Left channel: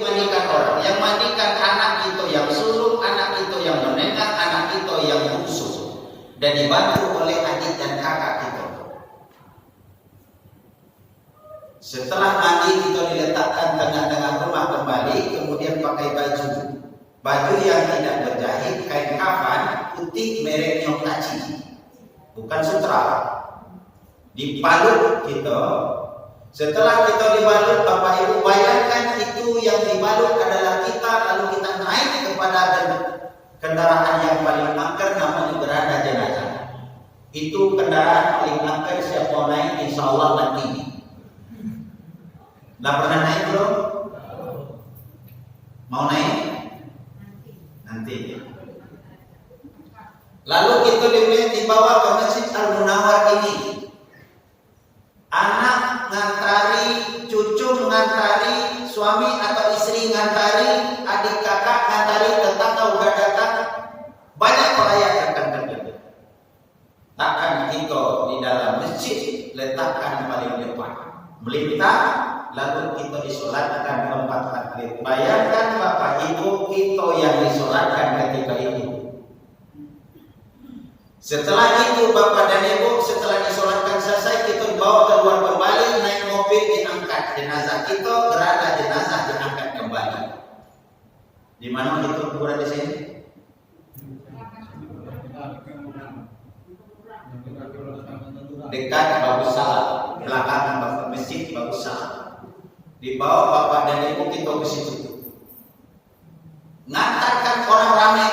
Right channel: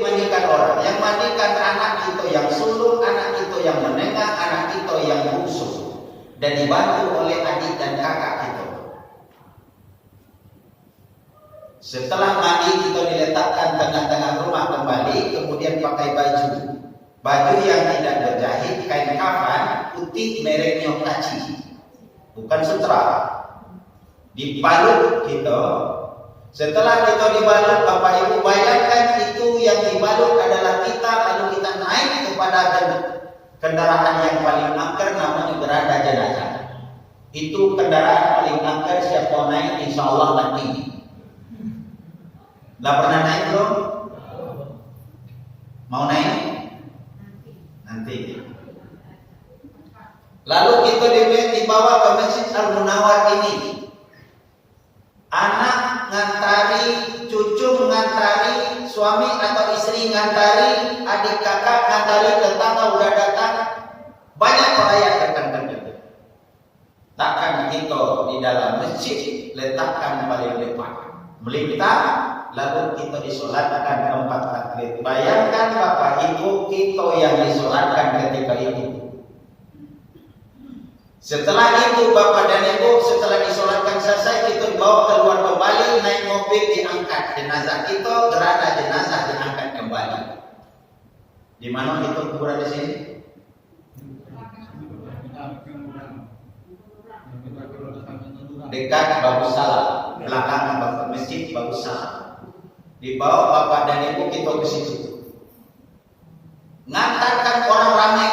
mandikan orang, yang mandikan anak kita yang sulung, anak kita yang menengah, anak kita yang bungsu, dan dibantu oleh adik dan kakak kita. Setelah mandi kita diletakkan tengah-tengah rumah kembali, kemudian pakai baju yang tidak berjahit, kain kafan putih mereknya Kaci, bukan sutra. Dibalut kita. Setelah kita dibalut, Bapak Ibu bayangkan itu yang dibalut adalah kita, lalu kita naik kepada kendaraan yang paling angker, namanya berada jenazah. Itu kendaraan paling angker, siapa mau naik insya Allah mati. Nggak pernah naik belum? Mau naik? Nanti. Lalu itu dibawa ke Masjid Al-Munawwar ini. Anak ngantari, cucu ngantari, suami atau istri ngantari, adik kakak ngantari, tetangga udah datang. Banyak orang datang begitu. Takkan kita di dalam masjid letakkan paling depan. Melintang, lalu kita disolatkan tempat takbir. Bayangkan Bapak Ibu, kita yang disolatkan ketika itu. Setelah itu Bapak dan Ibu, setelah disolatkan selesai, kita dibawa keluar kembali, naik mobil, diangkat jenazah kita, berada jenazah diangkat kembali. Di mana itu kuburan di sini? Dekat Bagus Salam, belakang masjid Bagus Salam. Dibawa Bapak dan Ibu kita ke situ. Ngantarkan orang ramai.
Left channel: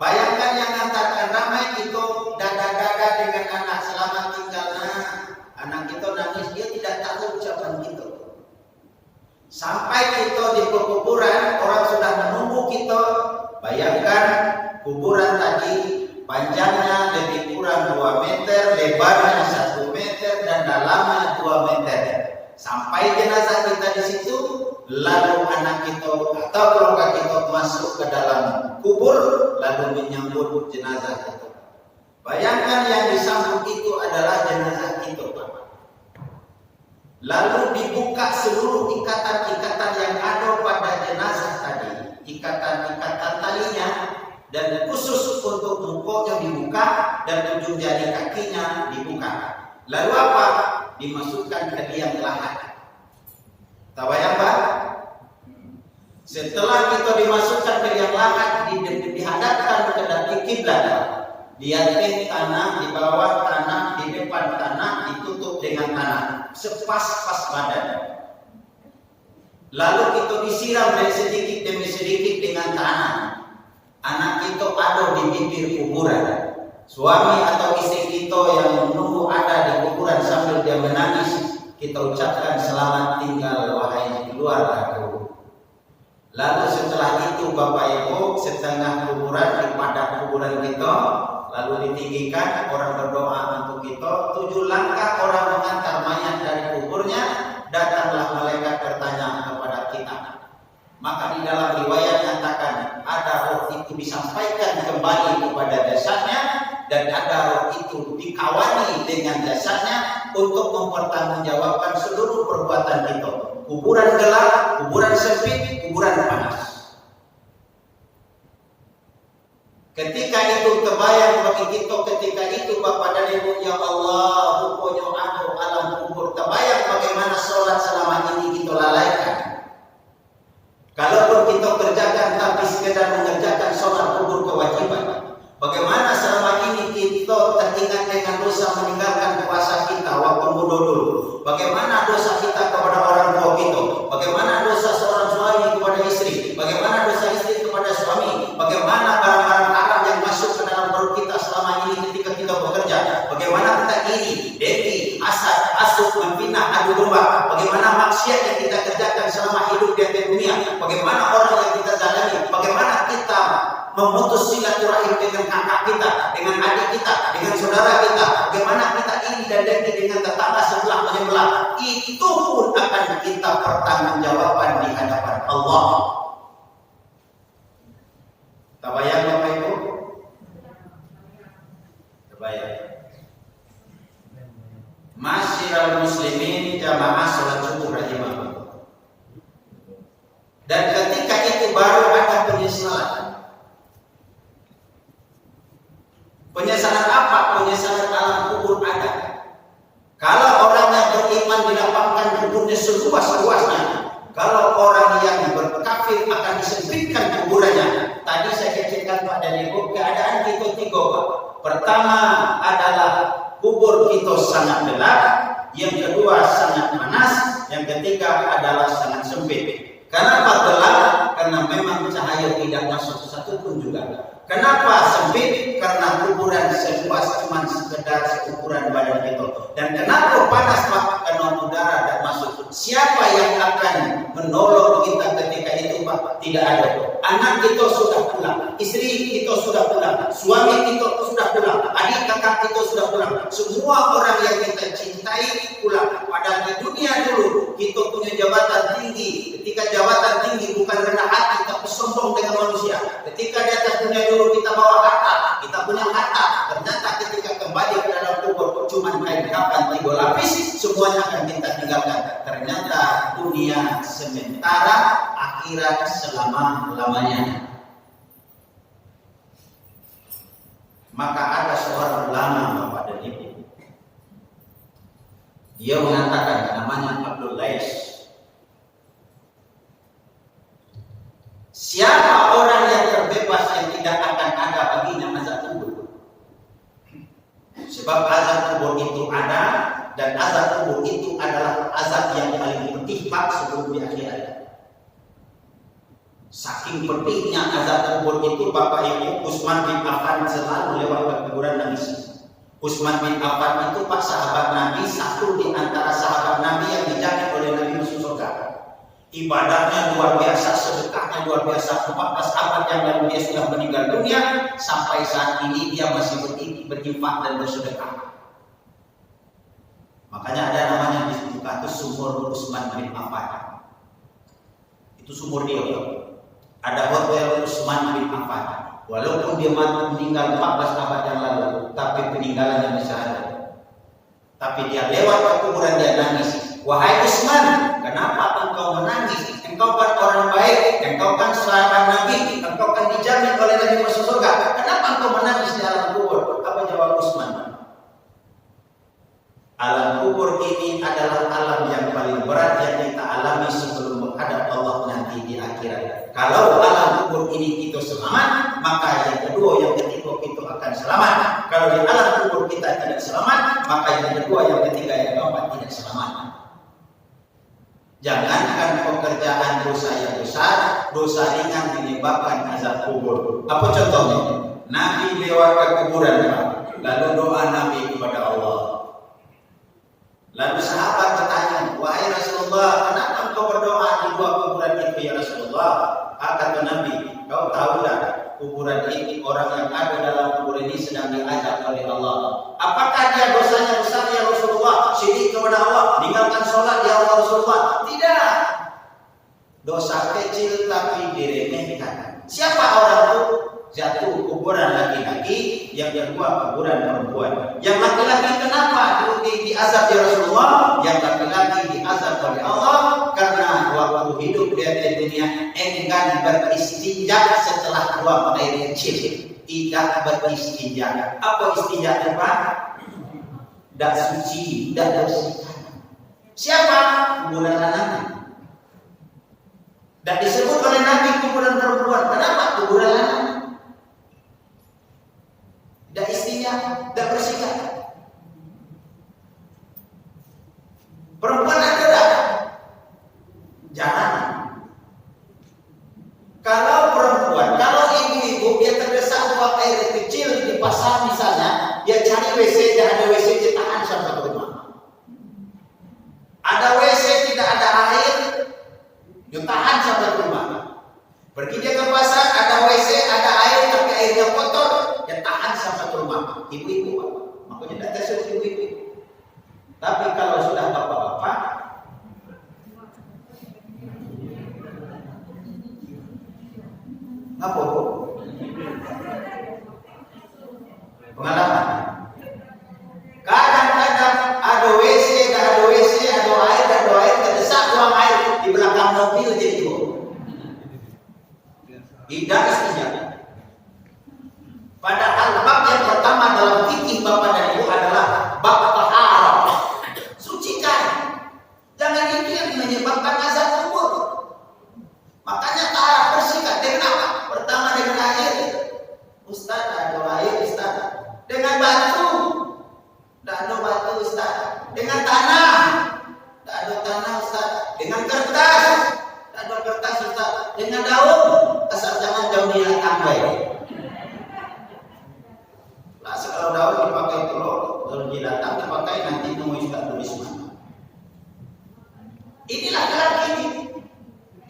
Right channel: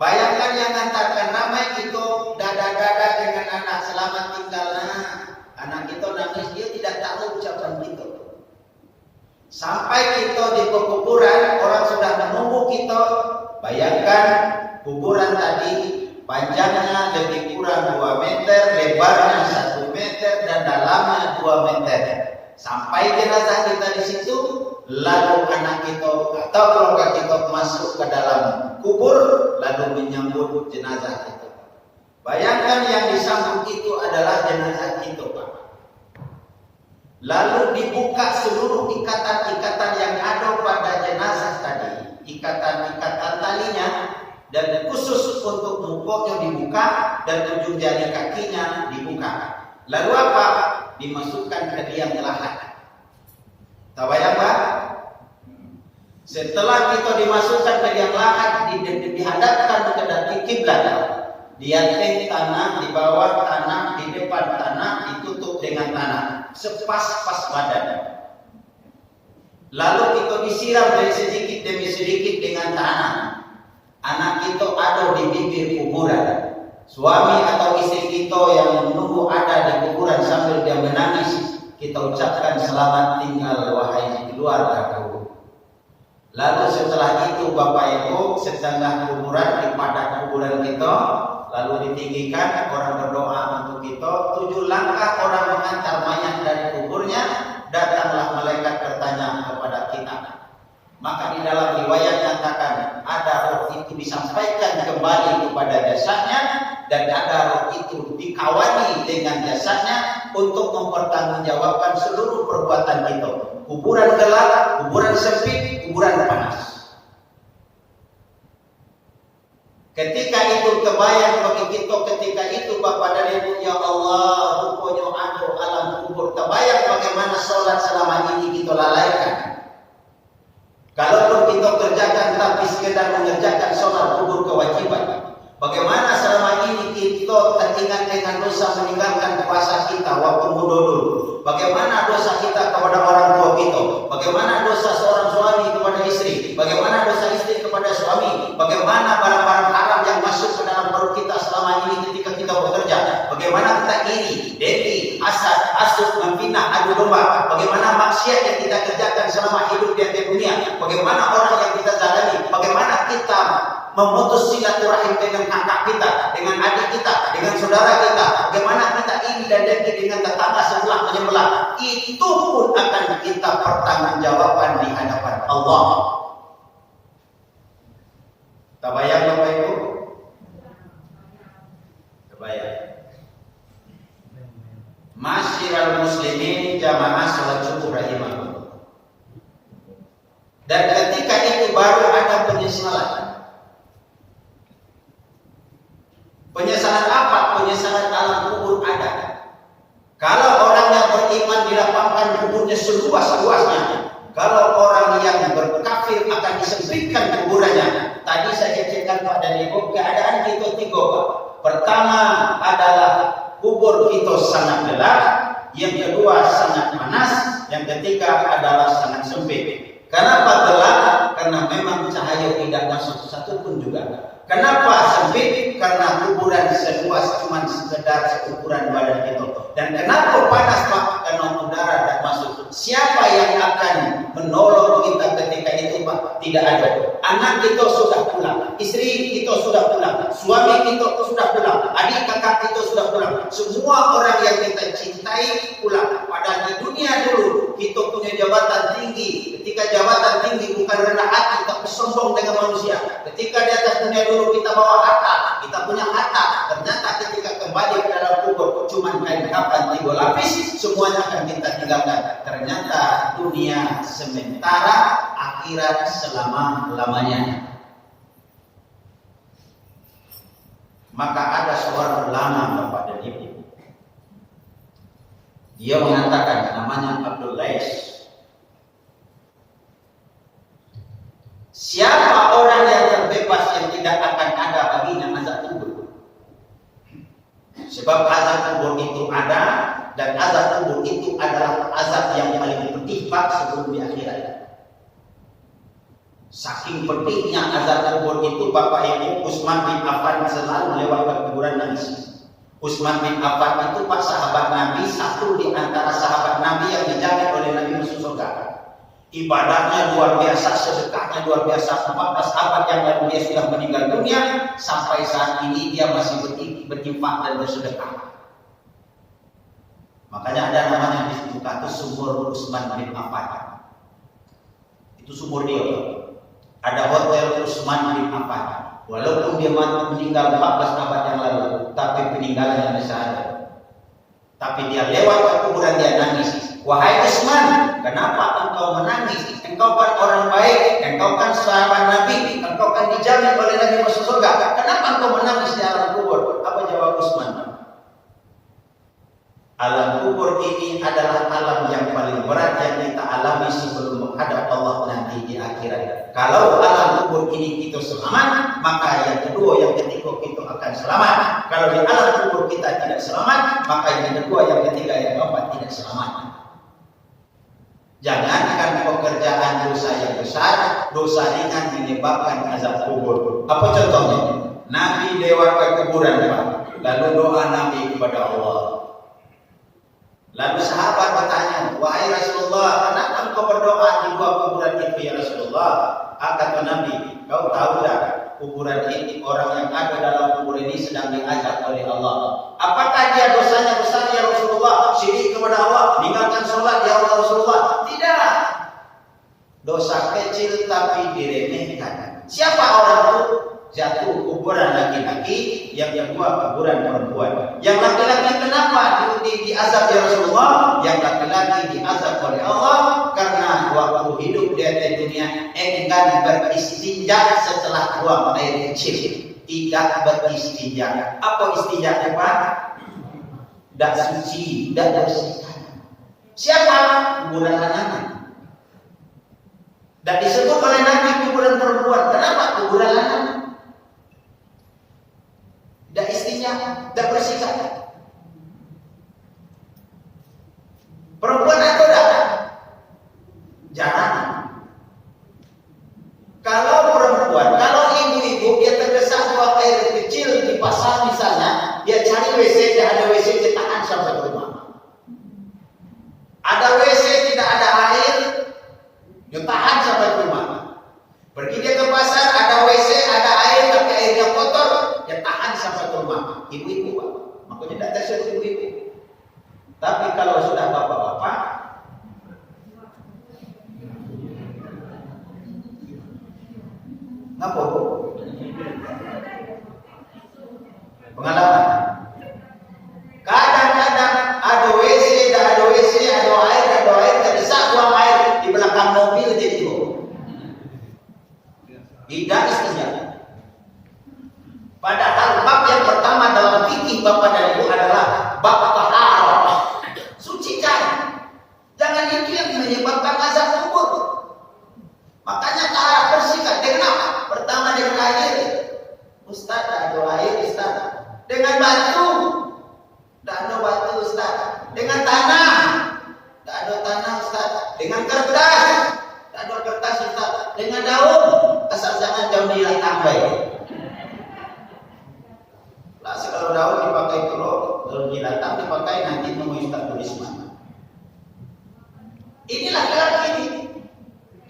Bayangkan yang ngantarkan ramai itu dada-dada dengan anak selamat tinggal. Anak kita nangis, dia tidak tahu ucapan kita. Sampai kita di kuburan, orang sudah menunggu kita. Bayangkan kuburan tadi panjangnya lebih kurang 2 meter, lebarnya 1 meter, dan dalamnya 2 meter. Sampai jenazah kita di situ, lalu anak kita atau keluarga kita masuk ke dalam kubur, lalu menyambut jenazah kita. Bayangkan yang disambut itu adalah jenazah kita, Pak. Lalu dibuka seluruh ikatan-ikatan yang ada pada jenazah tadi, ikatan-ikatan talinya, dan khusus untuk mukanya dibuka dan ujung jari kakinya dibuka. Lalu apa? Dimasukkan ke liang lahat. Tabayang Pak? Setelah kita dimasukkan ke liang lahat, dihadapkan ke kiblat. Di atas tanah, di bawah tanah, di depan tanah, ditutup dengan tanah sepas-pas badan. Lalu kita disiram dari sedikit demi sedikit dengan tanah. Anak kita ada di bibir kuburan. Suami atau istri kita yang menunggu ada di kuburan sambil dia menangis, kita ucapkan selamat tinggal wahai keluargaku. Lalu setelah itu Bapak Ibu, setengah kuburan di padat kuburan kita, lalu ditinggikan, orang berdoa untuk kita. 7 langkah orang mengantar mayat dari kuburnya, datanglah malaikat bertanya kepada kita. Maka di dalam riwayat nyatakan ada roh itu disampaikan kembali kepada jasadnya, dan ada roh itu dikawani dengan jasadnya untuk mempertanggungjawabkan seluruh perbuatan kita. Kuburan gelap, kuburan sempit, kuburan panas. Ketika itu kebayang bagi kita, ketika itu Bapak dan Ibu, ya Allah, rupanya ada alam kubur. Kebayang bagaimana sholat selama ini kita lalaikan. Kalau kita kerjakan tapi sekedar mengerjakan sholat kubur kewajiban. Bagaimana selama ini kita teringat dengan dosa meninggalkan puasa kita waktu muda dulu. Bagaimana dosa kita kepada orang tua kita. Bagaimana dosa seorang suami kepada istri. Bagaimana dosa istri kepada suami. Bagaimana barang-barang haram yang masuk ke dalam perut kita selama ini ketika kita bekerja. Bagaimana kita iri, dengki, hasad, hasud, memfitnah, adu domba. Bagaimana maksiat yang kita kerjakan selama hidup di atas dunia. Bagaimana orang yang kita zalimi. Bagaimana kita memutus silaturahim dengan kakak kita, dengan adik kita, dengan saudara kita. Bagaimana kita iri dan dengki dengan tetangga sebelah menyebelah. Itu pun akan kita pertanggungjawabkan di hadapan Allah. Tabayang Bapak Ibu? Tabayang. Masyiral muslimin jamaah sholat subuh rahimahullah. Dan ketika itu baru ada penyesalan. Penyesalan apa? Penyesalan alam kubur ada. Kalau orang yang beriman dilapangkan kuburnya seluas-luasnya, kalau orang yang berkafir akan disempitkan kuburannya. Tadi saya ceritakan Pak Daniel, keadaan kita tiga Pak. Pertama adalah kubur kita sangat gelap, yang kedua sangat panas, yang ketiga adalah sangat sempit. Kenapa gelap? Karena memang cahaya tidak masuk satu pun juga. Kenapa sempit? Karena kuburan seluas cuma sekedar seukuran badan kita. Dan kenapa panas Pak? Karena udara tidak masuk. Siapa yang akan menolong kita ketika itu Pak? Tidak ada. Anak kita sudah pulang, istri kita sudah pulang, suami kita sudah pulang, adik kakak kita sudah pulang. Semua orang yang kita cintai pulang. Padahal di dunia dulu kita punya jabatan tinggi. Ketika jabatan tinggi bukan rendah hati, tapi sombong dengan manusia. Ketika di atas dunia dulu kita bawa harta, kita punya harta. Ternyata ketika kembali ke dalam kubur cuma kain kapan 3 lapis, semuanya akan kita tinggalkan. Ternyata dunia sementara, akhirat selama-lamanya. Maka ada seorang ulama Bapak dan Ibu. Dia mengatakan, namanya Abdul Lais. Siapa orang yang terbebas yang tidak akan ada baginya azab kubur? Sebab azab kubur itu ada, dan azab kubur itu adalah azab yang paling pedih Pak sebelum di akhirat. Saking pedihnya azab kubur itu Bapak Ibu, Utsman bin Affan selalu lewat ke kuburan nangis. Utsman bin Affan itu Pak sahabat Nabi, satu di antara sahabat Nabi yang dijamin oleh Nabi masuk surga. Ibadahnya luar biasa, sedekahnya luar biasa. 14 abad yang lalu dia sudah meninggal dunia, sampai saat ini dia masih berinfak dan bersedekah. Makanya ada namanya di buku itu sumur Utsman bin Affan. Itu sumur dia. Ada hotel Utsman bin Affan. Walaupun dia meninggal 14 abad yang lalu, tapi peninggalannya masih ada. Tapi dia lewat ke kuburan dia nangis. Wahai Utsman, kenapa engkau menangis? Engkau kan orang baik, engkau kan sahabat Nabi, engkau kan dijamin oleh Nabi masuk surga. Kenapa engkau menangis di alam kubur? Apa jawab Utsman? Alam kubur ini adalah alam yang paling berat yang kita alami sebelum menghadap Allah nanti di akhirat. Kalau alam kubur ini kita selamat, maka yang kedua, yang ketiga kita akan selamat. Kalau di alam kubur kita tidak selamat, maka yang kedua, yang ketiga, yang keempat tidak selamat. Jangankan pekerjaan dosa yang besar, dosa ringan menyebabkan azab kubur. Apa contohnya? Nabi lewat ke kuburan, lalu doa Nabi kepada Allah. Lalu sahabat bertanya, wahai Rasulullah, kenapa engkau berdoa di 2 kuburan itu ya Rasulullah? Kata Nabi, kau tahu tak, kuburan ini, orang yang ada dalam kubur ini sedang diazab oleh Allah. Apakah dia dosanya besar ya Rasulullah? Syirik kepada Allah, meninggalkan sholat ya Allah Rasulullah? Tidak. Dosa kecil tapi diremehkan. Siapa orang itu? Jatuh kuburan laki-laki, yang kedua kuburan perempuan. Yang laki-laki kenapa diazab ya Rasulullah? Yang laki-laki diazab oleh Allah karena waktu hidup dia di dunia enggan beristinja setelah buang air kecil. Tidak beristinja. Apa istinja Pak? Tidak suci, tidak bersihkan. Siapa? Kuburan anak. Dan disebut oleh Nabi kuburan perempuan. Kenapa kuburan anak? Tidak istrinya, tidak bersihkan. Perempuan ada tak? Jangan. Kalau perempuan, kalau ibu-ibu dia terdesak buang air kecil di pasar misalnya, dia cari WC, dia ada WC, dia tahan sampai ke rumah. Ada WC tidak ada air, dia tahan sampai ke rumah. Pergi dia ke pasar, ada WC, ada air tapi airnya kotor, dia tahan sampai ke rumah. Ibu-ibu, makanya tidak tersuruh ibu-ibu. Tapi kalau sudah bapak-bapak, apa? Pengalaman. Kadang-kadang ada WC, tidak ada WC, ada air, terdesak buang air di belakang mobil jadi Tidak istinja. Padahal bab yang pertama dalam fikih Bapak dan Ibu adalah bab taharah. Sucikan. Jangan itu yang menyebabkan azab kubur. Makanya taharah bersihkan dengan apa? Pertama dengan air. Ustaz, ada air Ustaz. Dengan batu. Tidak ada batu Ustaz. Dengan tanah. Tidak ada tanah Ustaz. Dengan kertas. Tidak ada kertas Ustaz. Dengan daun. Asal jangan daun dilatang baik. Nah, kalau daun dipakai telur, daun dilatang dipakai nanti nunggu Ustaz tulis mana. Ini laki-laki ini.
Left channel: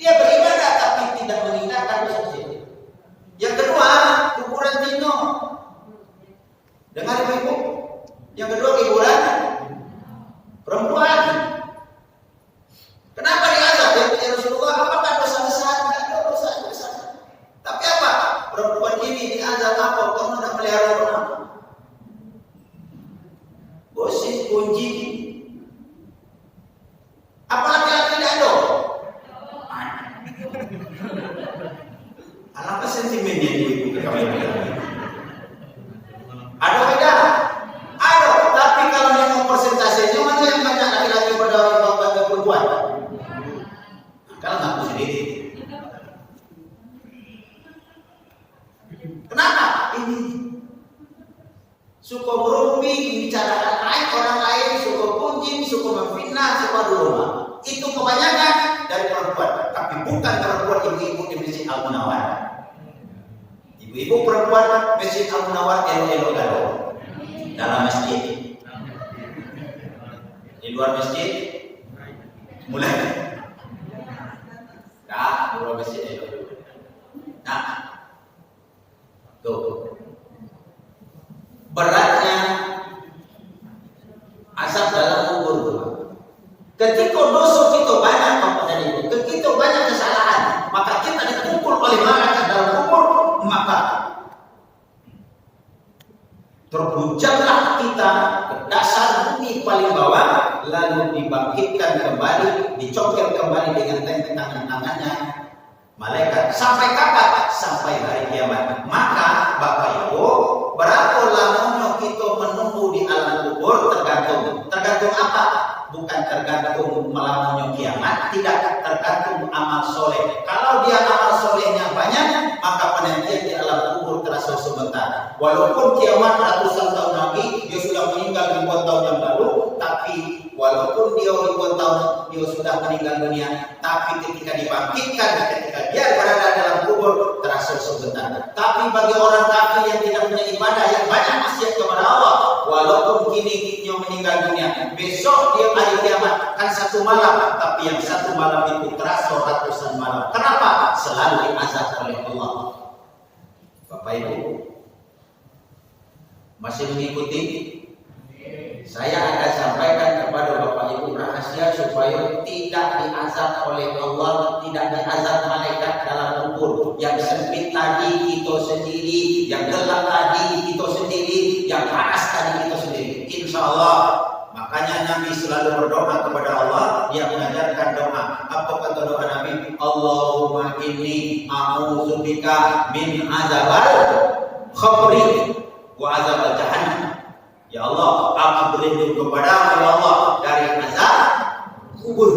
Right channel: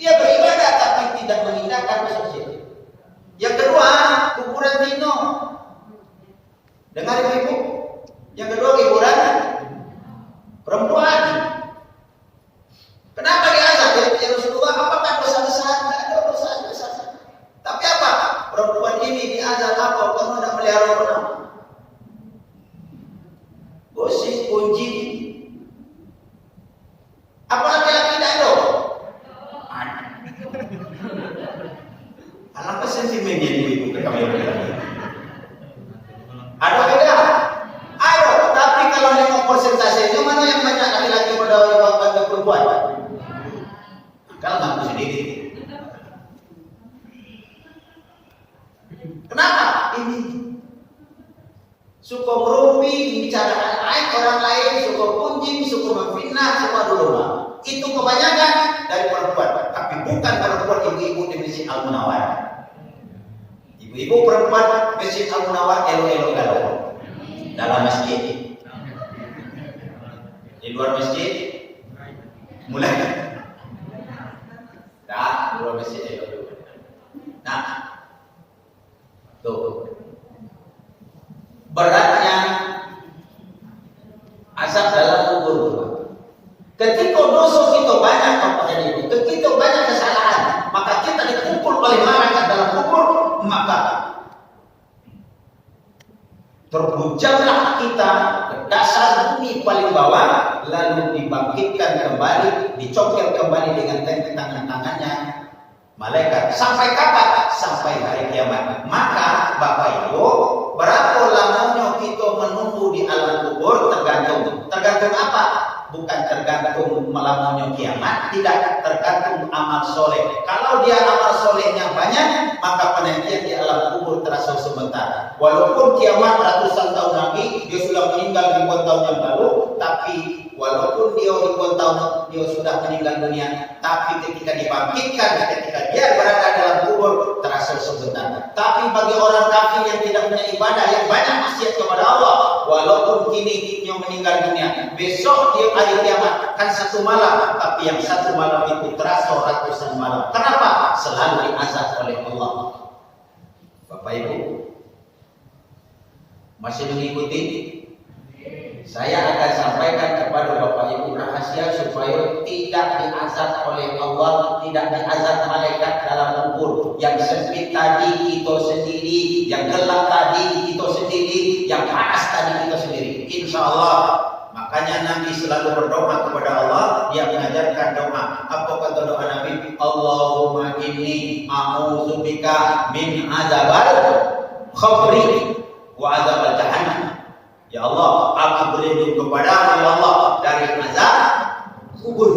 Dia beribadah tapi tidak mengingatkan sosial. Yang kedua, kuburan Tino. Dengar ibu-ibu. Yang kedua, kuburan perempuan. Kenapa diazab? Ya Rasulullah, apakah dosa besar? Tidak ada dosa besar. Tapi apa? Perempuan ini diazab apa? Karena tidak melihara orang. Gosip, kunci. Apa laki-laki tidak ada? Apa sentimen yang ibu ke kami? Ada beda? Ada, tapi kalau nengok persentasenya mana yang banyak laki-laki berdawai bagi perempuan? Kalau ngaku sendiri. Kenapa? Ini suka merunding, bicarakan aib orang lain, suka kunjing, suka memfitnah, suka rumah. Itu kebanyakan dari perempuan, tapi bukan perempuan ibu-ibu di Masjid Al-Munawwar. Ibu-ibu perempuan Masjid Al-Munawwar elo-elo galau dalam masjid. Di luar masjid mulai. Dah, di luar masjid elo. Nah, tuh beratnya azab dalam kubur. Ketika dosa kita banyak apa tadi itu, ketika banyak kesalahan, maka kita dikumpul oleh malaikat dalam kubur, maka terbujaklah kita ke dasar bumi paling bawah, lalu dibangkitkan kembali, dicongkel kembali dengan tangan-tangannya malaikat. Sampai kapan? Sampai hari kiamat. Maka Bapak Ibu, berapa lamanya kita menunggu di alam kubur tergantung apa? Bukan tergantung lamanya kiamat, tidak tergantung amal soleh. Kalau dia amal solehnya banyak, maka penantian di alam kubur terasa sebentar. Walaupun kiamat ratusan tahun lagi, dia sudah meninggal ribuan tahun yang lalu, tapi walaupun dia ribuan tahun dia sudah meninggal dunia, tapi ketika dibangkitkan, ketika dia berada dalam kubur terasa sebentar. Tapi bagi orang kafir yang tidak punya ibadah, yang banyak maksiat kepada Allah, walaupun kini dia meninggal dunia, besok dia hari kiamat kan satu malam, tapi yang satu malam itu terasa ratusan malam. Kenapa? Selalu diazab oleh Allah. Bapak Ibu masih mengikuti? Saya akan sampaikan kepada Bapak Ibu rahasia supaya tidak diazab oleh Allah, tidak diazab malaikat dalam kubur. Yang sempit tadi kita sendiri, yang gelap tadi kita sendiri, yang panas tadi kita sendiri. Insya Allah. Makanya Nabi selalu berdoa kepada Allah. Dia mengajarkan doa. Apa kata doa Nabi? Allahumma inni a'udzubika min azabil khabri wa azabil jahannam. Ya Allah, aku berlindung kepadamu ya Allah dari azab kubur.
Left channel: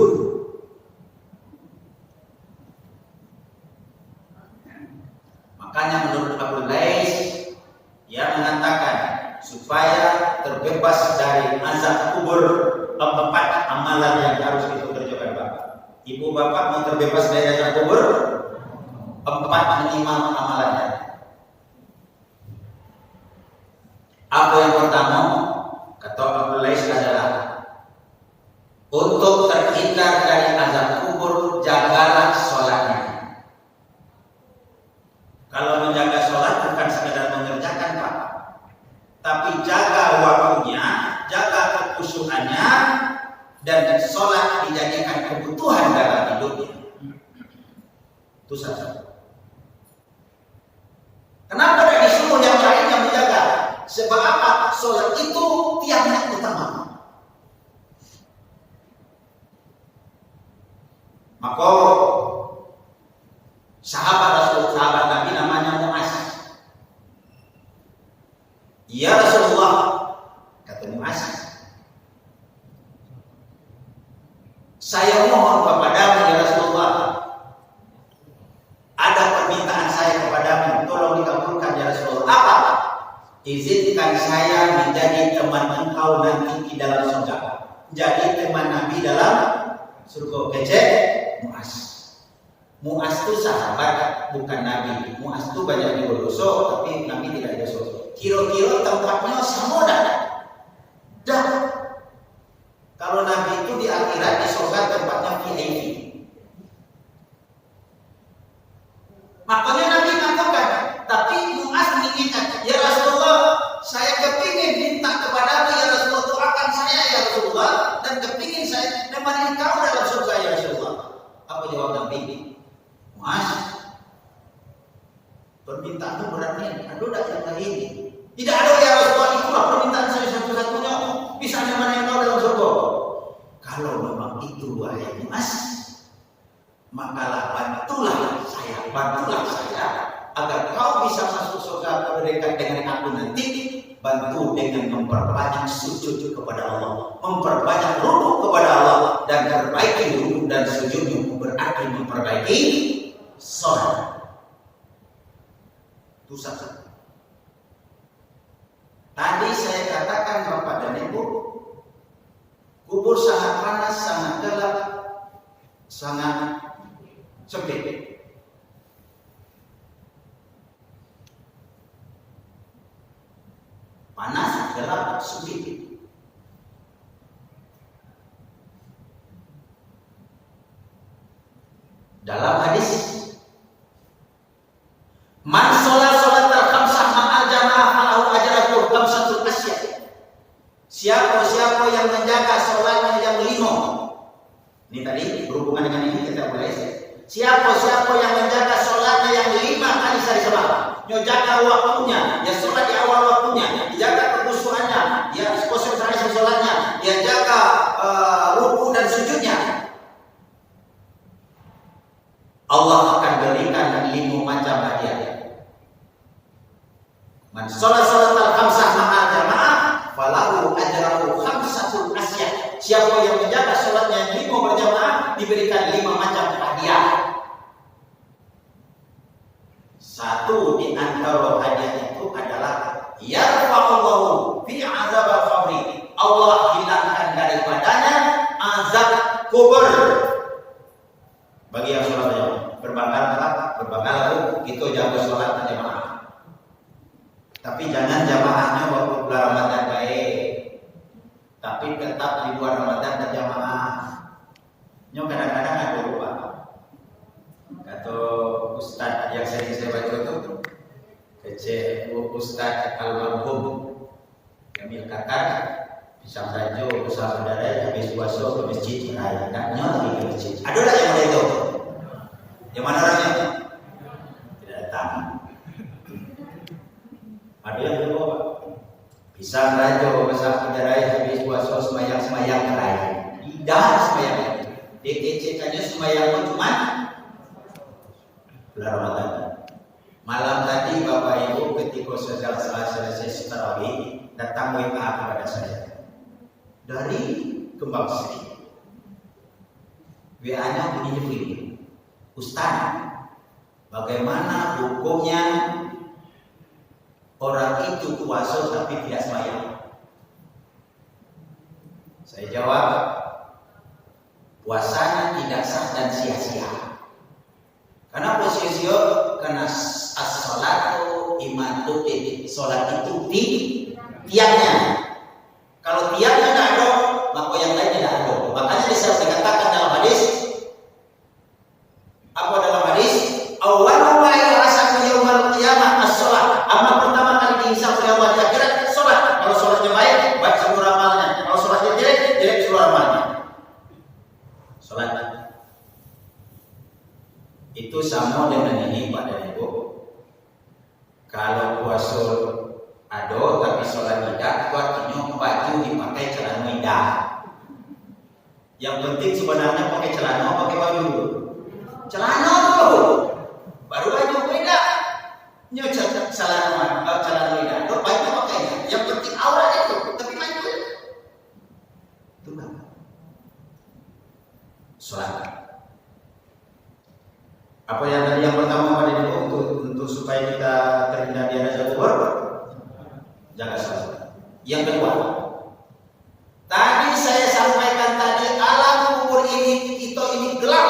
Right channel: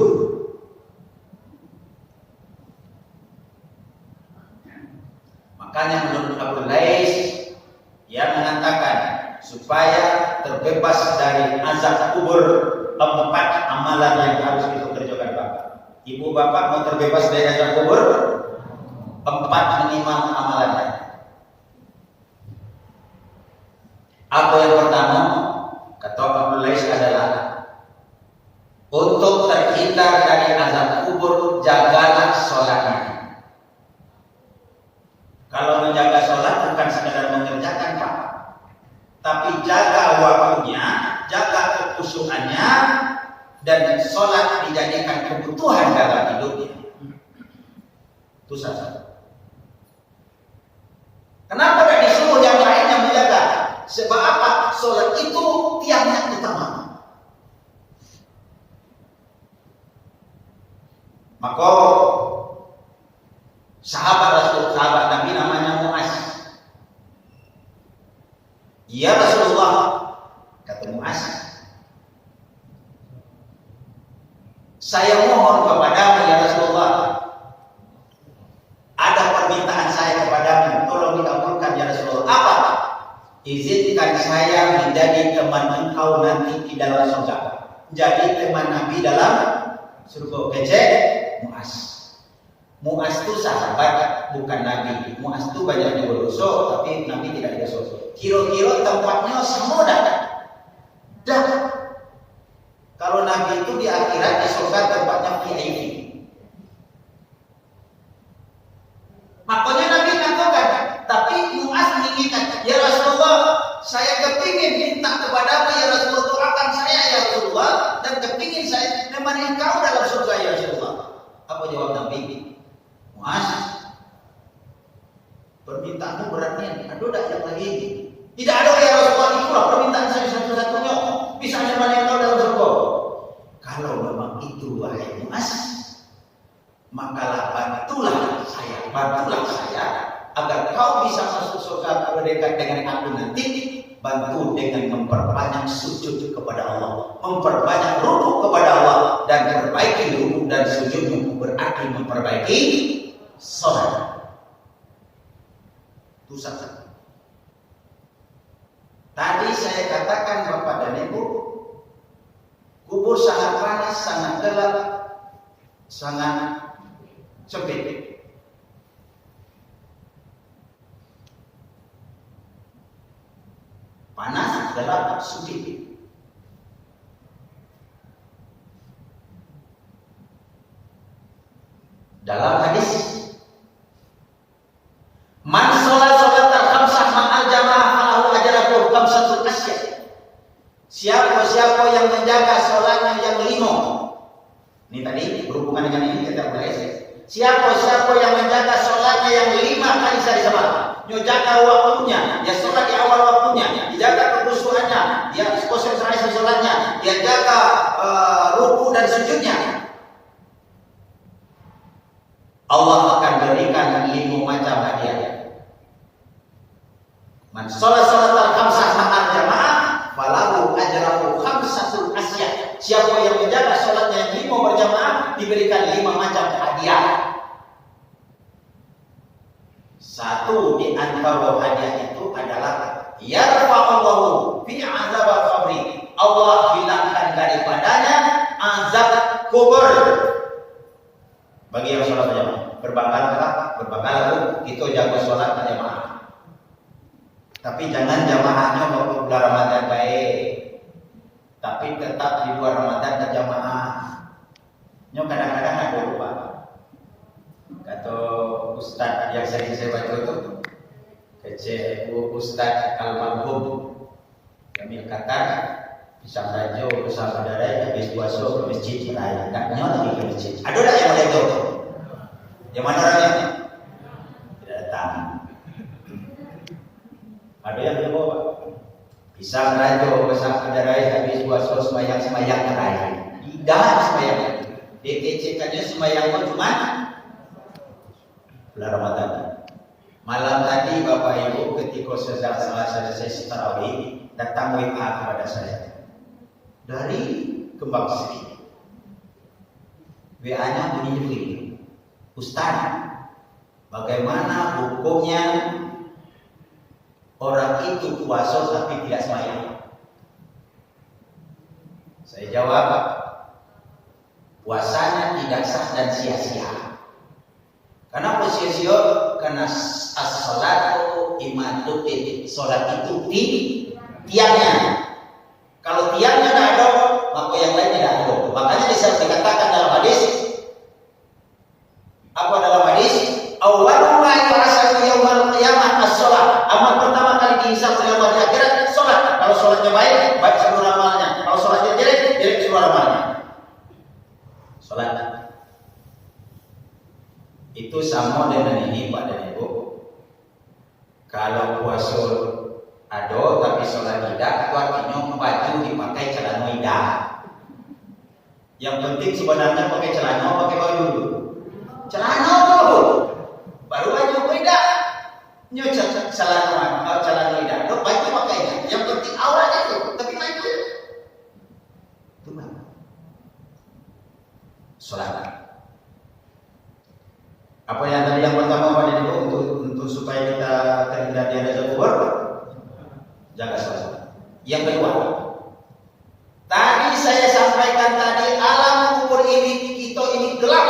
Makanya menurut Abu Lais, dia mengatakan supaya terbebas dari azab kubur, 4 amalan yang harus kita kerjakan Bapak. Ibu Bapak mau terbebas dari azab kubur? 4 minimal amalannya. Apa yang pertama? Kata Abu Lais adalah untuk terhindar dari azab kubur, jagalah sholatnya. Kalau menjaga sholat bukan sekedar mengerjakan Pak, tapi jaga waktunya, jaga kekhusyukannya, dan sholat dijadikan kebutuhan dalam hidupnya. Itu saja. Kenapa tidak disuruh yang lainnya menjaga? Sebab apa? Sholat itu tiangnya utama. Maka sahabat Nabi namanya Mu'az. Ya Rasulullah, kata Mu'az, saya mohon kepadamu ya Rasulullah, ada permintaan saya kepadamu, tolong dikabulkan ya Rasulullah. Apa? Izinkan saya menjadi teman engkau nanti di dalam surga. Jadi teman Nabi dalam surga. Kecek Mu'az. Mu'az itu sahabat, bukan Nabi. Mu'az itu banyak dosa, tapi Nabi tidak ada dosa. Kira-kira tempatnya sama dah. Kalau Nabi itu di akhirat di surga tempatnya VIP. Makanya Nabi katakan, tapi Mu'az mengingat, ya Rasulullah, saya kepingin minta kepadamu ya Rasulullah, doakan saya ya Rasulullah, dan kepingin saya menemani engkau dalam surga ya Rasulullah. Apa jawab Nabi? Mu'az, permintaanmu beratnya, ada yang lain. Tidak ada ya Rasulullah, itulah permintaan saya satu-satunya, bisa menemani engkau dalam surga. Kalau memang itu wahai Mu'az, maka bantulah saya agar kau bisa masuk surga berdekat dengan aku nanti. Bantu dengan memperbanyak sujud kepada Allah, memperbanyak rukuk kepada Allah, dan perbaiki rukuk dan sujudmu berarti memperbaiki salat. Itu satu. Tadi saya katakan Bapak dan Ibu, kubur sangat panas, sangat gelap, sangat sempit. Panas, gelap, sempit. Dalam hadis, man sholat khamsah ma'al jamaah falahu ajruhu khamsatul asyah. Siapa yang menjaga sholatnya yang 5. Ini tadi berhubungan dengan ini kita mulai. Siapa yang menjaga sholatnya yang 5 kali sehari semalam, menjaga waktunya, dia sholat di awal waktunya, dijaga kekhusyuannya, dia konsentrasi sholatnya, dia jaga ruku dan sujudnya, Allah akan berikan 5 macam hadiah. Man sholat khamsah ma'al jamaah falahu ajruhu khamsatul asyah. Siapa yang menjaga sholatnya yang 5 berjamaah diberikan 5 macam hadiah. Satu di antara hadiah itu adalah yarfa'allahu fi azab al-qabri. Allah hilangkan daripadanya azab kubur. Bagi yang sholat jamaah, berbangga itu jago sholat jamaah. Tapi jangan jamaahnya waktu bulan Ramadan baik, tapi tetap di luar Ramadan berjamaah. Nyok kadang-kadang ada lupa. Kata Ustaz yang saya baca itu, Ustaz Al-Marhum, kami katakan bisa baju usaha saudara yang habis puasa ke masjid raya, taknya lagi ke masjid. Ada tak yang boleh tahu? Yang mana raya? Tidak datang. Ada yang dulu bisa baju usaha saudara yang habis puasa semayang raya. Tidak semayang. DKC-kannya semayang cuma bulan Ramadan. Malam tadi Bapak Ibu ketika sedang selesai tarawih datang WA kepada saya dari Kembang Sri. WA-nya bunyi begini, Ustaz, bagaimana hukumnya orang itu puasa tapi tidak sembahyang? Saya jawab, puasanya tidak sah dan sia-sia. Karena sia-sia? Karena as-sholatu imatuddin. Sholat itu tiangnya. Kalau tiangnya tidak ada, maka yang lainnya tidak ada. Makanya dikatakan dalam hadis, apa dalam hadis? Awwalu ma yuhasabu yaumal qiyamah as-sholat. Amal pertama kali dihisab oleh Allah di akhirat sholat. Kalau sholatnya baik, baik seluruh amalnya. Kalau sholatnya jelek, jelek seluruh amalnya. Sholat itu sama dengan ini Pak dan Ibu. Kalau puasa ada tapi sholat tidak, itu artinya baju dipakai celana tidak. Yang penting sebenarnya pakai celana, pakai baju dulu. Celana dulu. Nyocok salah jalan lidah. Dok baik pakainya. Yang penting auranya itu. Tapi lain itu. Itu kan. Selamat. Apa yang tadi yang pertama pada itu untuk supaya kita terhindar dari azab kubur, jaga salat. Yang kedua, tadi saya sampaikan tadi alam kubur ini gelap.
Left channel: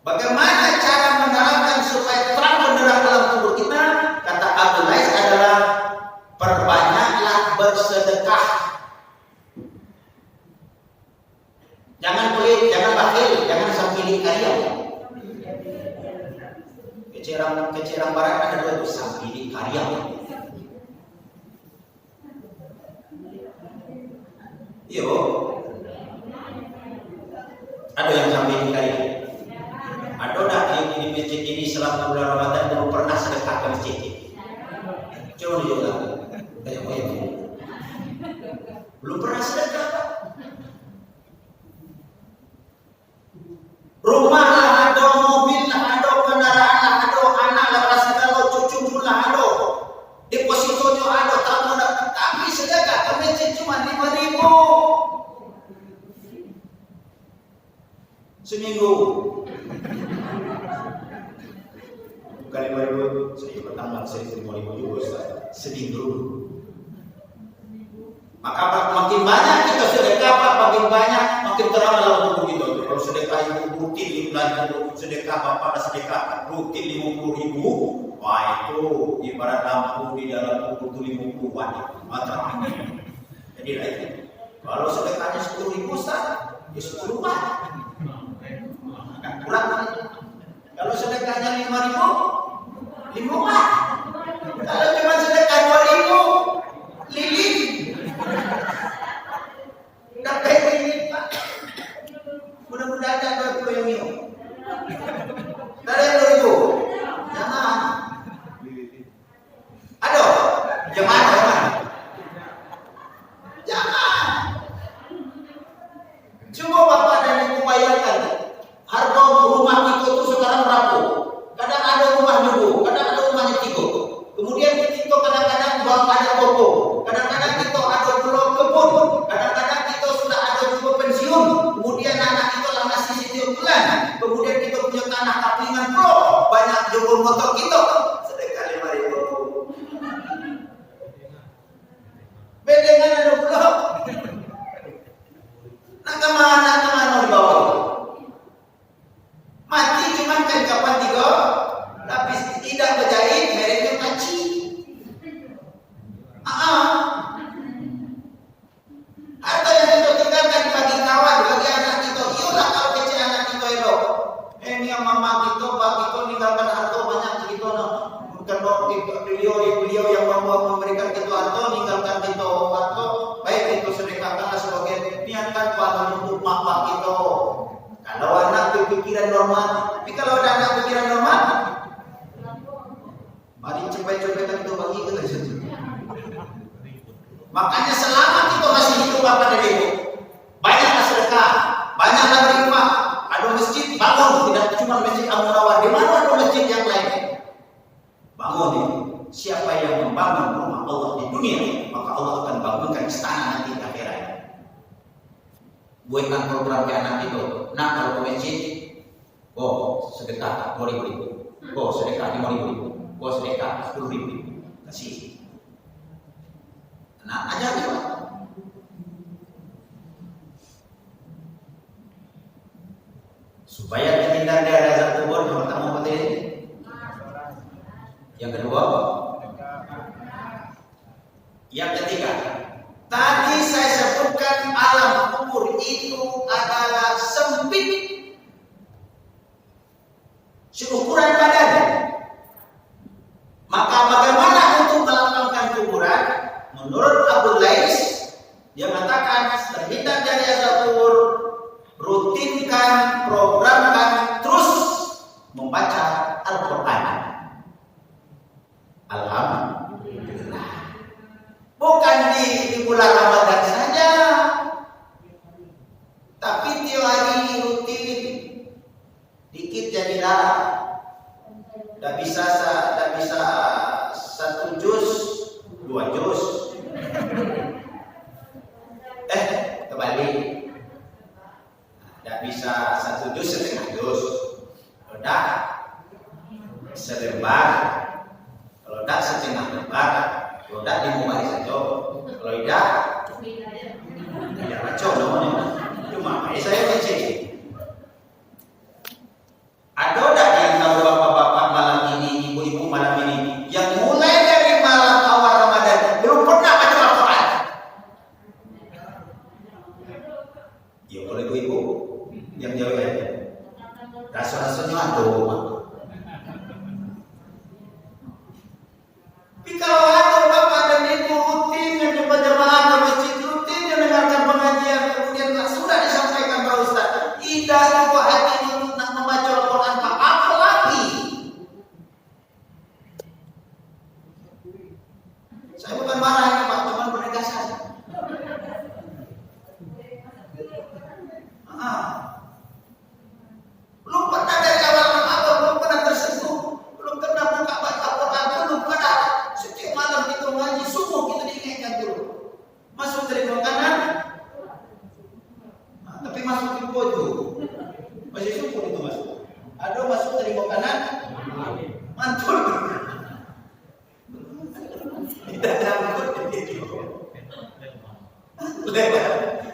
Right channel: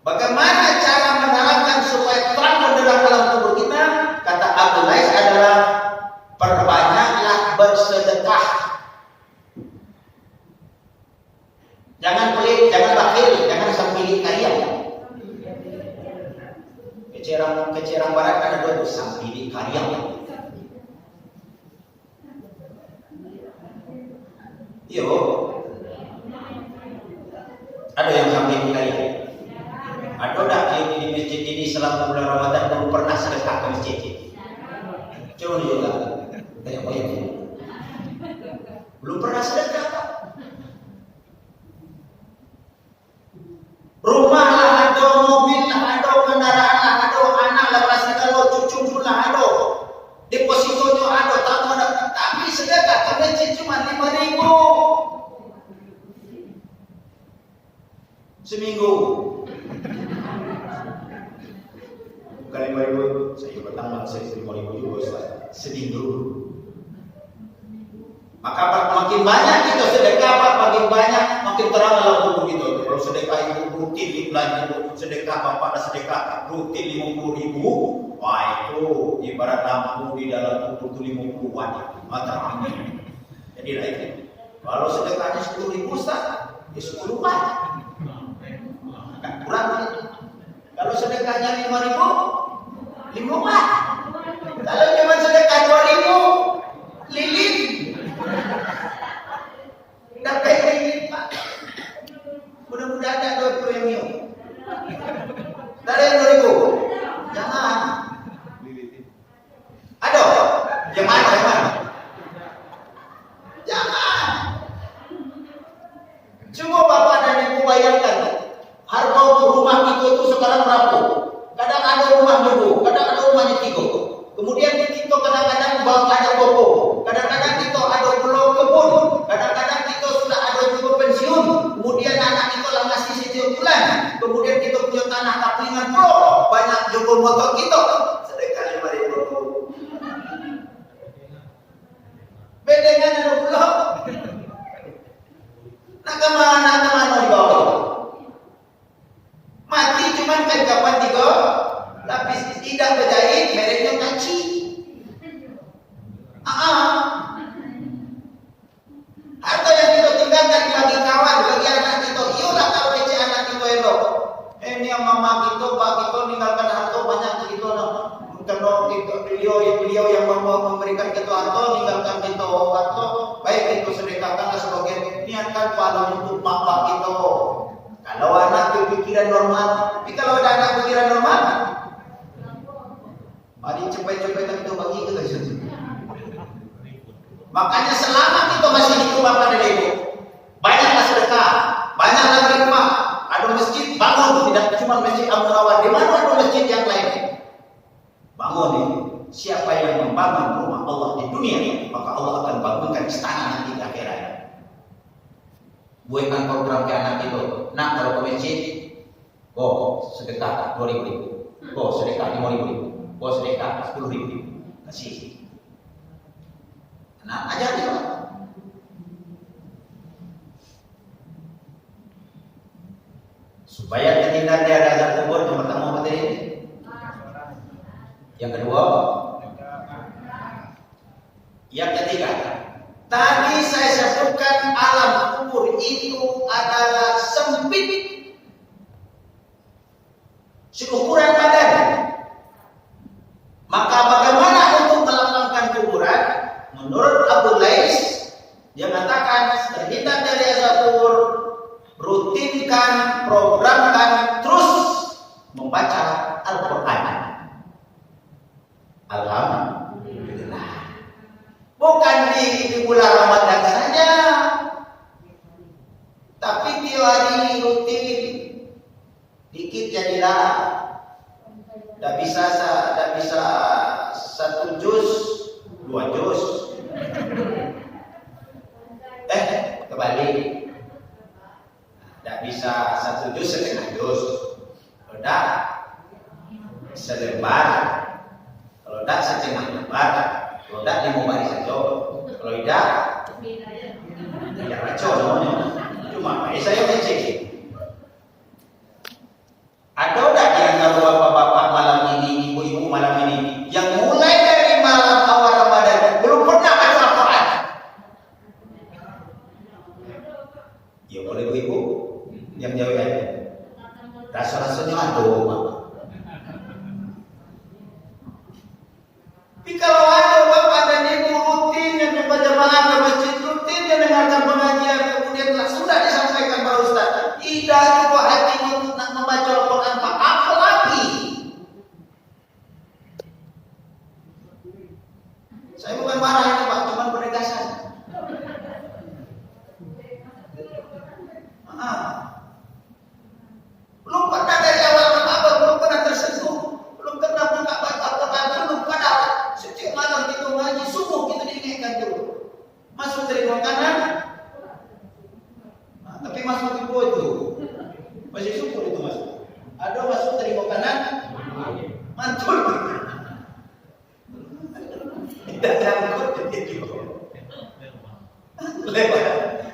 Bagaimana cara menerangkan supaya terang benderang alam kubur kita? Kata Abdul Lais adalah perbanyaklah bersedekah. Jangan pelit, jangan bakhil, jangan sampili karya. Kecerang barat ada dua tuh, sampili karya. Iya, ada yang sampili karya. Ada dah di masjid ini selama bulan Ramadan belum pernah sedekah ke masjid. Coba diulang. Belum pernah sedekah. Rumah lah ada, mobil lah ada, kendaraan lah ada, anak lah pasti kalau cucu pun lah ada, depositonya ada, tabung ada, tapi sedekah ke masjid cuma 5.000 seminggu. Bukan 5.000, saya pertama saya 5.000 juga Ustaz. Sedih dulu. Maka makin banyak kita sedekah, makin banyak makin terang dalam tubuh kita. Kalau sedekah itu rutin di bulan itu, sedekah pada sedekah rutin 50.000, wah itu ibarat lampu di dalam tubuh itu 50 watt mata. Jadi itu. Kalau sedekahnya 10.000 Ustaz, ya 10 watt. Agak kurang itu. Kalau sedekahnya 5.000, 5 watt. Kalau cuma sedekah 2.000, lilin. Dapat lilin Pak. Mudah-mudahan ada 20 Dari yang 2.000. Jangan. Ada. Jangan. Jangan. Coba Bapak dan Ibu bayangkan. Harga rumah kita itu sekarang berapa? Kadang ada rumahnya Bu, kadang ada rumahnya Tigo. Kemudian di Tigo kadang-kadang ada toko, kadang-kadang kita ada pulau kebun, kadang-kadang kita sudah ada juga pensiun. Kemudian anak kita lah masih setiap bulan. Kemudian kita punya tanah kaplingan pulau, banyak juga motor kita. Sedekah 5.000. Bedengan ada pulau. Nah kemana dibawa? Mati cuman kapan tiga lapis tidak berjahit, mereknya panci. Harta yang kita tinggalkan bagi kawan, bagi anak kita. Iyalah kalau kecil anak kita itu. Ini yang mama kita, pak kita meninggalkan harta banyak begitu. Kalau beliau yang memberikan kita harta, meninggalkan kita harta, baik itu sedekahkanlah sebagai niatkan pahala untuk bapak kita. Kalau anak berpikiran normal, tapi kalau ada anak pikiran normal, mari cepat-cepat kita bagi ke situ. Makanya selama kita masih hidup Bapak dan Ibu, banyaklah sedekah, banyaklah rumah, ada masjid bangun, tidak cuma masjid Al-Munawwar, di mana ada masjid yang lain. Bangun ini. Siapa yang membangun rumah Allah di dunia, maka Allah akan bangunkan istana nanti di akhirat. Buatkan program ke anak itu. Nah kalau ke masjid, sedekah 2.000, sedekah 5.000, sedekah 10.000, kasih. Nah aja Pak. Supaya terhindar dari azab kubur, yang pertama apa tadi? Yang kedua, yang ketiga. Tadi saya sebutkan alam kubur itu adalah sempit seukuran badan. Maka bagaimana untuk melapangkan kuburan? Menurut Abdul Lais, dia mengatakan terhindar dari azab kubur, rutinkan, programkan terus membaca Al-Quran. Alhamdulillah. Bukan di bulan Ramadan saja, tapi tiap hari rutin, dikit jadi larang. Tak bisa selembar, kalau tidak setengah lembar, kalau tidak 5 baris saja, kalau tidak baca namanya. Cuma saya baca. Ada tidak yang tahu bapak-bapak malam ini, ibu-ibu malam ini, yang mulai dari malam awal Ramadan belum pernah baca Al-Quran? Ya kalau ibu-ibu yang jauh aja, rasa-rasanya ada. Tapi kalau ada bapak dan ibu rutin yang berjamaah ke masjid, rutin yang dengarkan pengajian, kemudian sudah disampaikan Pak Ustaz, tidak juga hatinya nak membaca Al-Quran, apa lagi? Saya bukan marah ini Pak, cuma penegasan. Belum pernah dari awal Ramadan, belum pernah tersentuh, belum pernah buka baca Al-Quran, belum pernah. Setiap malam kita ngaji, subuh kita diingatkan dulu. Masuk dari makanan, tapi masuk di bawah itu masih syukur itu masuk. Ada masuk dari makanan, mantul. Tidak nyangkut itu.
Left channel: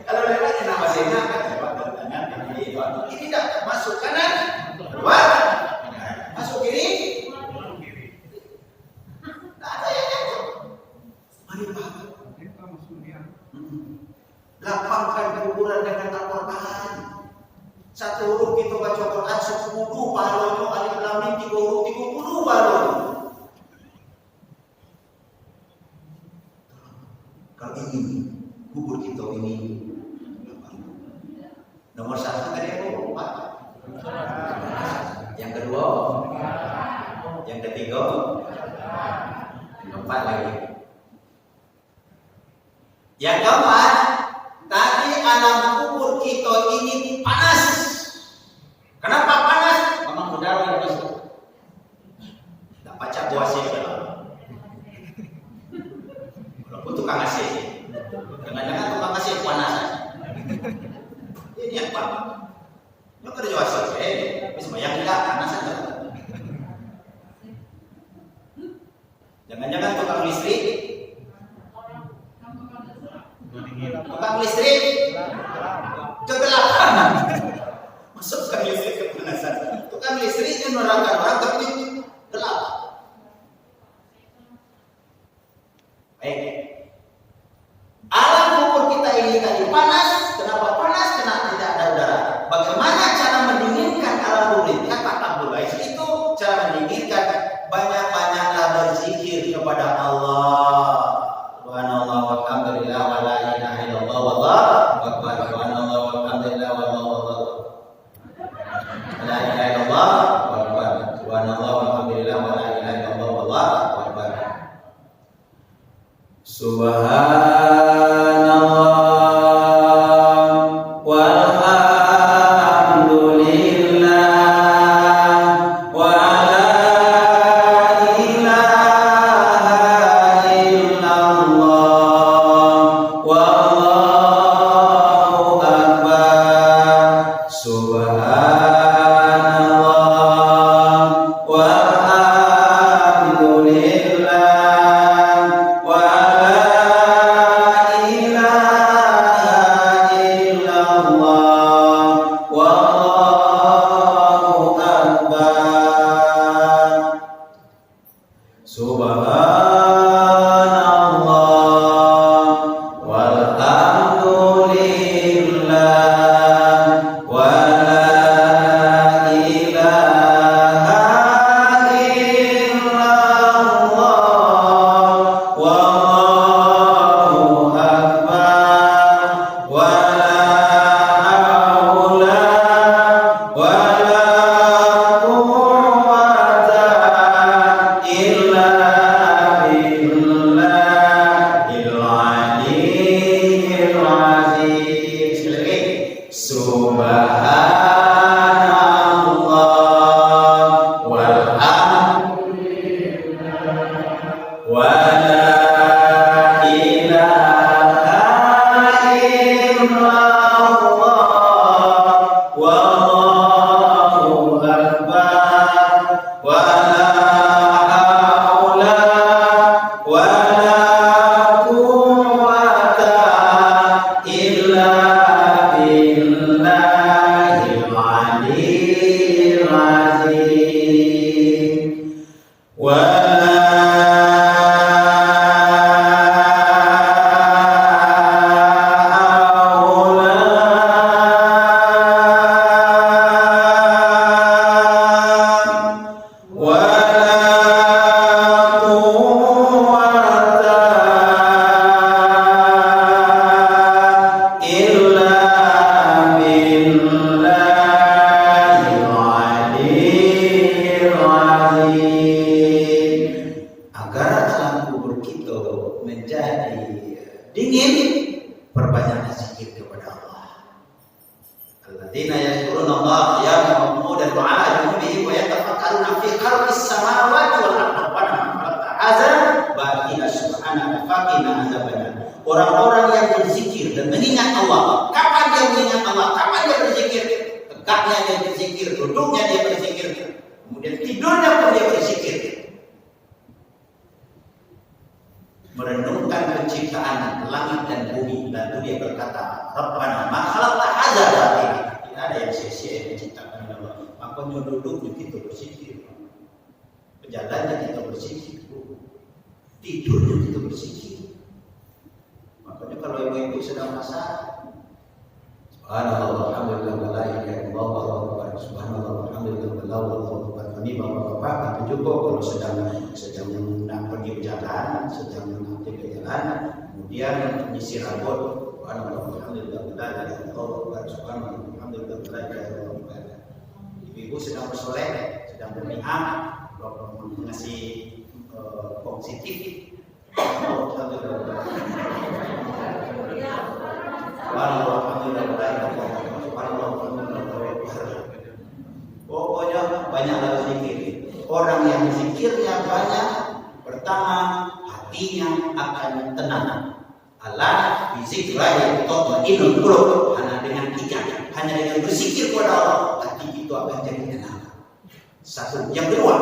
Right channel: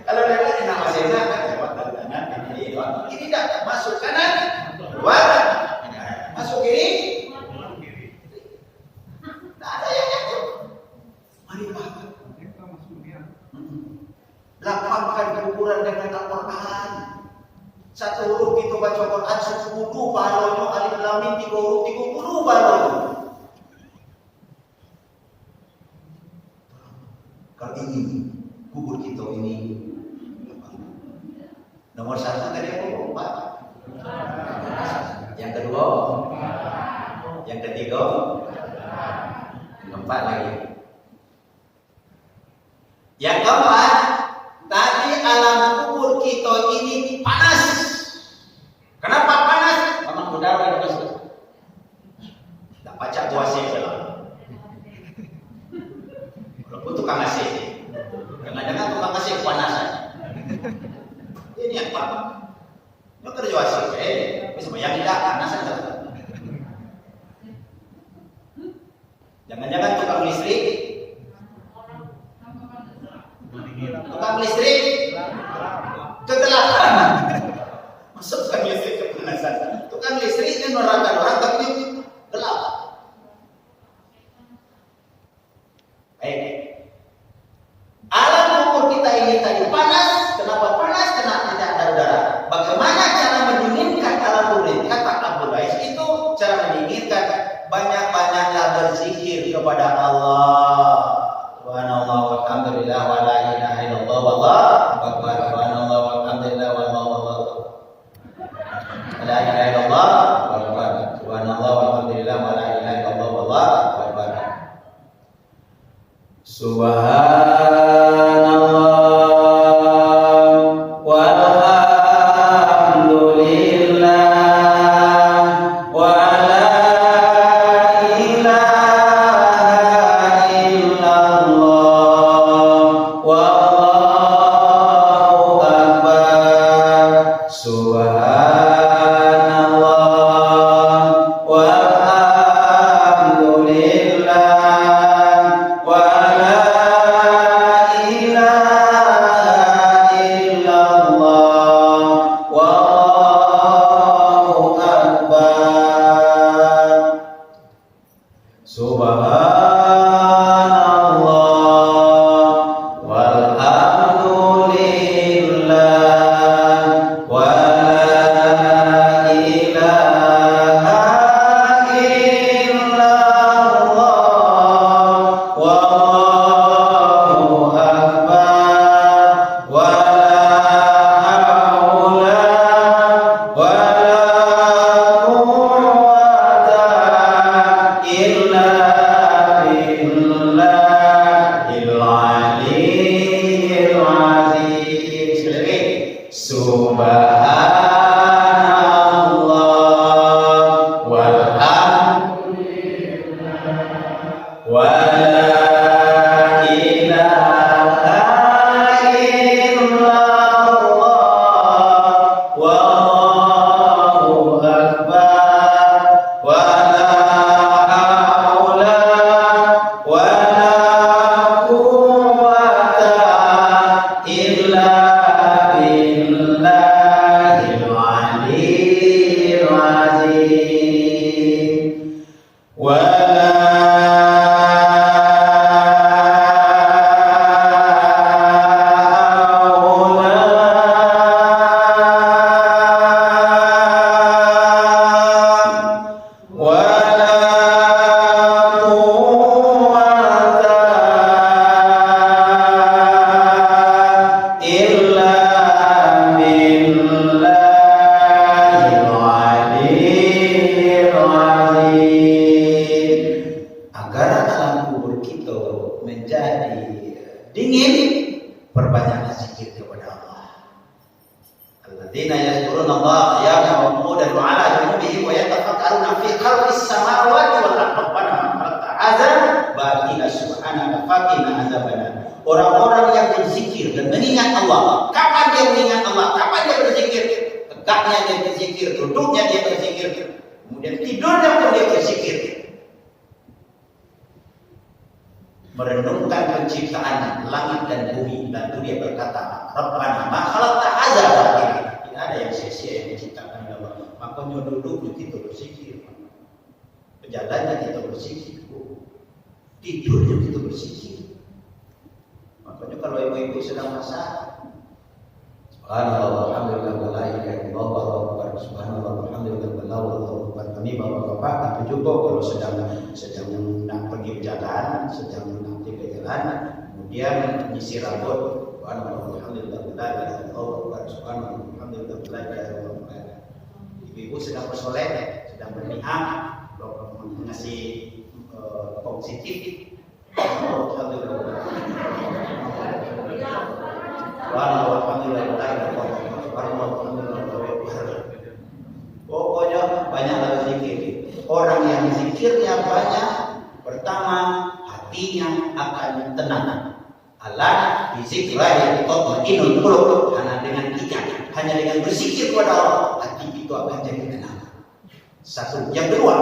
Kalau lewat nama sena ini tidak masuk kanan, keluar, masuk kiri. Tak ada yang nyangkut. Mari Pak. Lapangkan kuburan dengan Al-Quran. Satu huruf kita baca Quran 10 pahalanya, alif lam mim 3 huruf 30 pahalanya. Kalau ini kubur kita ini nomor 1 tadi apa Pak? Yang kedua, yang ketiga, yang 4 lagi. Yang keempat, tadi alam kubur kita ini panas. Kenapa panas? Memang udara yang panas. Tak baca puasa saja. Walaupun tukang AC, jangan-jangan tukang AC panas saja. Ini apa? Mau kerja AC, bisa yang tidak panas saja. Jangan-jangan tukang listrik. Tukang listrik kegelapan. Masuk tukang listrik kepanasan. Tukang listrik yang menerangkan orang tapi gelap. Baik. Alam kubur kita ini tadi panas. Kenapa panas? Karena tidak ada udara. Bagaimana cara mendinginkan alam kubur? Kata Abdul Bais itu cara mendinginkan, banyak-banyaklah berzikir kepada Allah. Subhanallah walhamdulillah wa la ilaha illallah wallahu akbar. Subhanallah walhamdulillah wallahu la ilaha illallah wallahu akbar. Subhanallah walhamdulillah wa la ilaha illallah wallahu akbar. Wallahu akbar. dingin, perbanyaklah zikir kepada Allah. Alladzina yadhkuruna Allah qiyaman wa qu'udan wa 'ala junubihim wa yatafakkaruna fi khalqis samawati wal ardi rabbana ma khalaqta hadza batila subhanaka faqina adzabannar. Orang-orang yang berzikir dan mengingat Allah. Kapan dia mengingat Allah? Kapan dia berzikir? Tegaknya dia berzikir, duduknya dia berzikir, kemudian tidurnya pun dia berzikir. Merenungkan penciptaan langit dan bumi, lalu dia berkata, Rabbana ma khalaqta hadza batila. Tidak ada yang sia-sia yang diciptakan oleh Allah. Makanya duduk kita berzikir, berjalannya kita berzikir, tidurnya kita berzikir. Makanya kalau ibu-ibu sedang masak, subhanallah walhamdulillah wa la ilaha illallah wallahu akbar, subhanallah walhamdulillah wallahu akbar, kami bapak-bapak itu cukup. Kalau sedang nak pergi berjalan, sedang nak pergi berjalan, kemudian menyisir rambut, subhanallah walhamdulillah wa la ilaha illallah, subhanallah walhamdulillah wa la ilaha illallah. Ibu-ibu sedang bersolek, sedang berniat, mengasih positif. Pokoknya banyaklah zikir. Orang yang zikirnya banyak, pertama hatinya akan tenang. Allah bizikrillah tatma'innul qulub. Hanya dengan berzikir kepada Allah, hati itu akan jadi tenang. Satu. Yang kedua,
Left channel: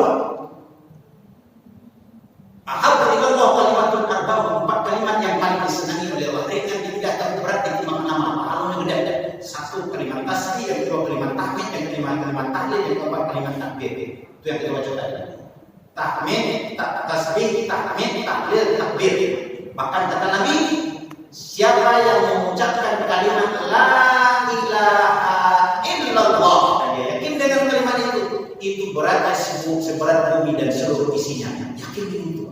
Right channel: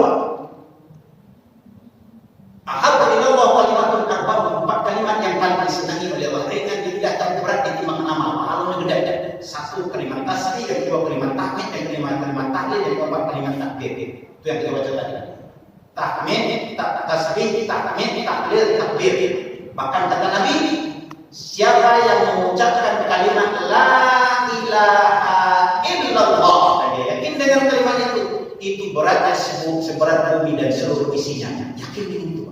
ahabba ilallah kalimatun arba'un, 4 kalimat yang paling disenangi oleh Allah. Mereka tidak akan berat ditimbang amal, pahalanya gede. 1 kalimat tasbih, yang kedua kalimat tahmid, yang kelima kalimat tahlil, yang keempat kalimat takbir. Itu yang kita baca tadi. Tahmid, tasbih, tahmid, tahlil, takbir. Bahkan kata Nabi, siapa yang mengucapkan kalimat la ilaha illallah dan dia yakin dengan kalimat itu beratnya seberat bumi dan seluruh isinya. Yakin dengan itu.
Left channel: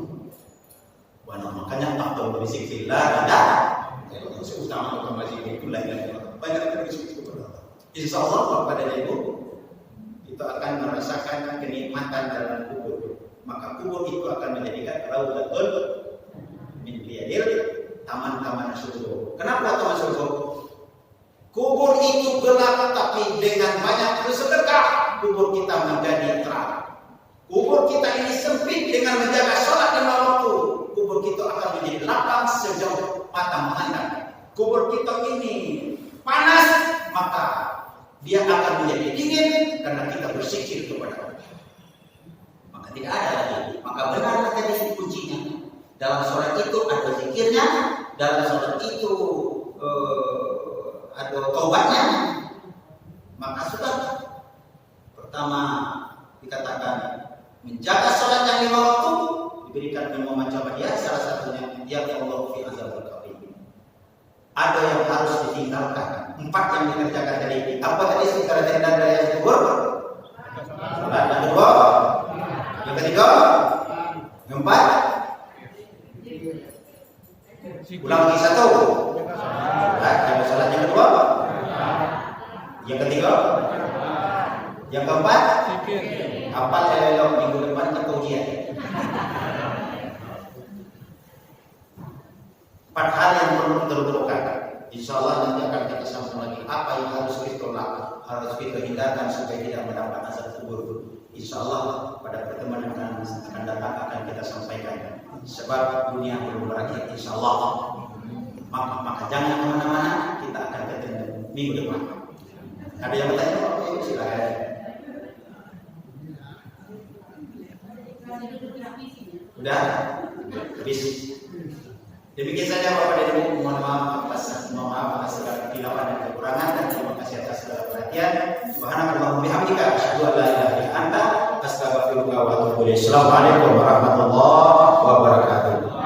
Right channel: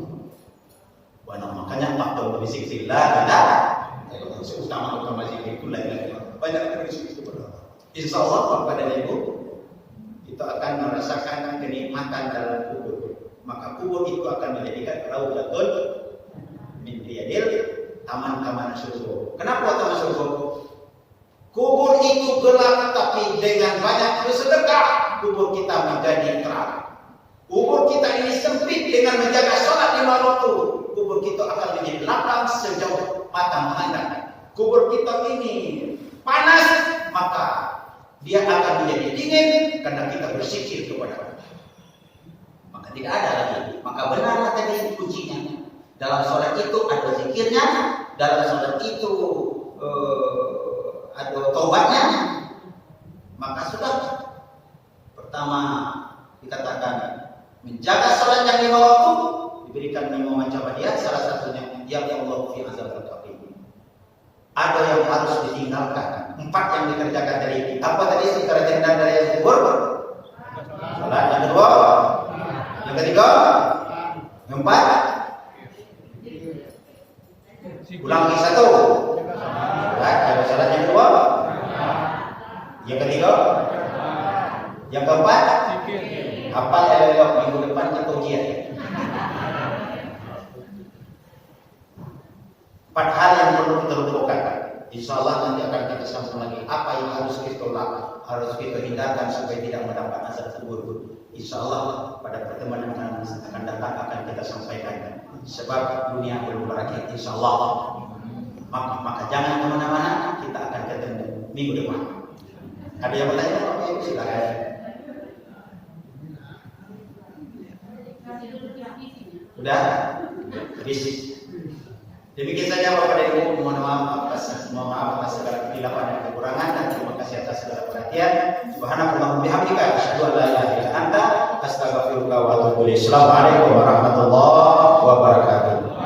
Makanya afdal berzikrillah adalah kalau utama zikir itu banyak berzikir kepada Allah. Insyaallah kepada ibu kita akan merasakan kenikmatan dalam kubur. Maka kubur itu akan menjadikan raudhatul min riyadil, taman-taman surga. Kenapa taman surga? Kubur itu gelap, tapi dengan banyak bersedekah kubur kita menjadi terang. Kubur kita ini sempit, dengan menjaga sholat 5 waktu kubur kita akan menjadi lapang sejauh mata memandang. Kubur kita ini panas, maka dia akan menjadi dingin karena kita berzikir kepada Allah. Maka tidak ada lagi. Maka benarlah tadi kuncinya. Dalam sholat itu ada zikirnya, dalam sholat itu ada taubatnya. Maka sudah. Pertama dikatakan menjaga sholat yang 5 waktu diberikan 5 macam hadiah. Salah satunya ya Allah fi azabil qabr. Ada yang harus ditinggalkan. 4 yang dikerjakan tadi. Apa tadi secara terdengar dari yang kedua? Salat yang kedua. Yang ketiga. Yang 4. Ulang lagi 1. Salat yang kedua. Yang ketiga. Yang keempat. Apa elok minggu depan kita ujian. 4 hal yang perlu kita lakukan. Insyaallah nanti akan kita sambung lagi. Apa yang harus kita lakukan, harus kita hindarkan supaya tidak mendapat azab kubur. Insyaallah pada pertemuan yang akan datang akan kita sampaikan. Sebab dunia belum berakhir insyaallah. Maka jangan kemana-mana, kita akan ketemu minggu depan. Ada yang bertanya? Silakan. Sudah? Habis. Demikian saja Bapak dan Ibu, mohon maaf atas segala kesilapan dan kekurangan, dan terima kasih atas segala perhatian. Subhanakallahumma bihamdika asyhadu an la ilaha illa anta astaghfiruka wa atubu ilaik. Assalamualaikum warahmatullahi wabarakatuh.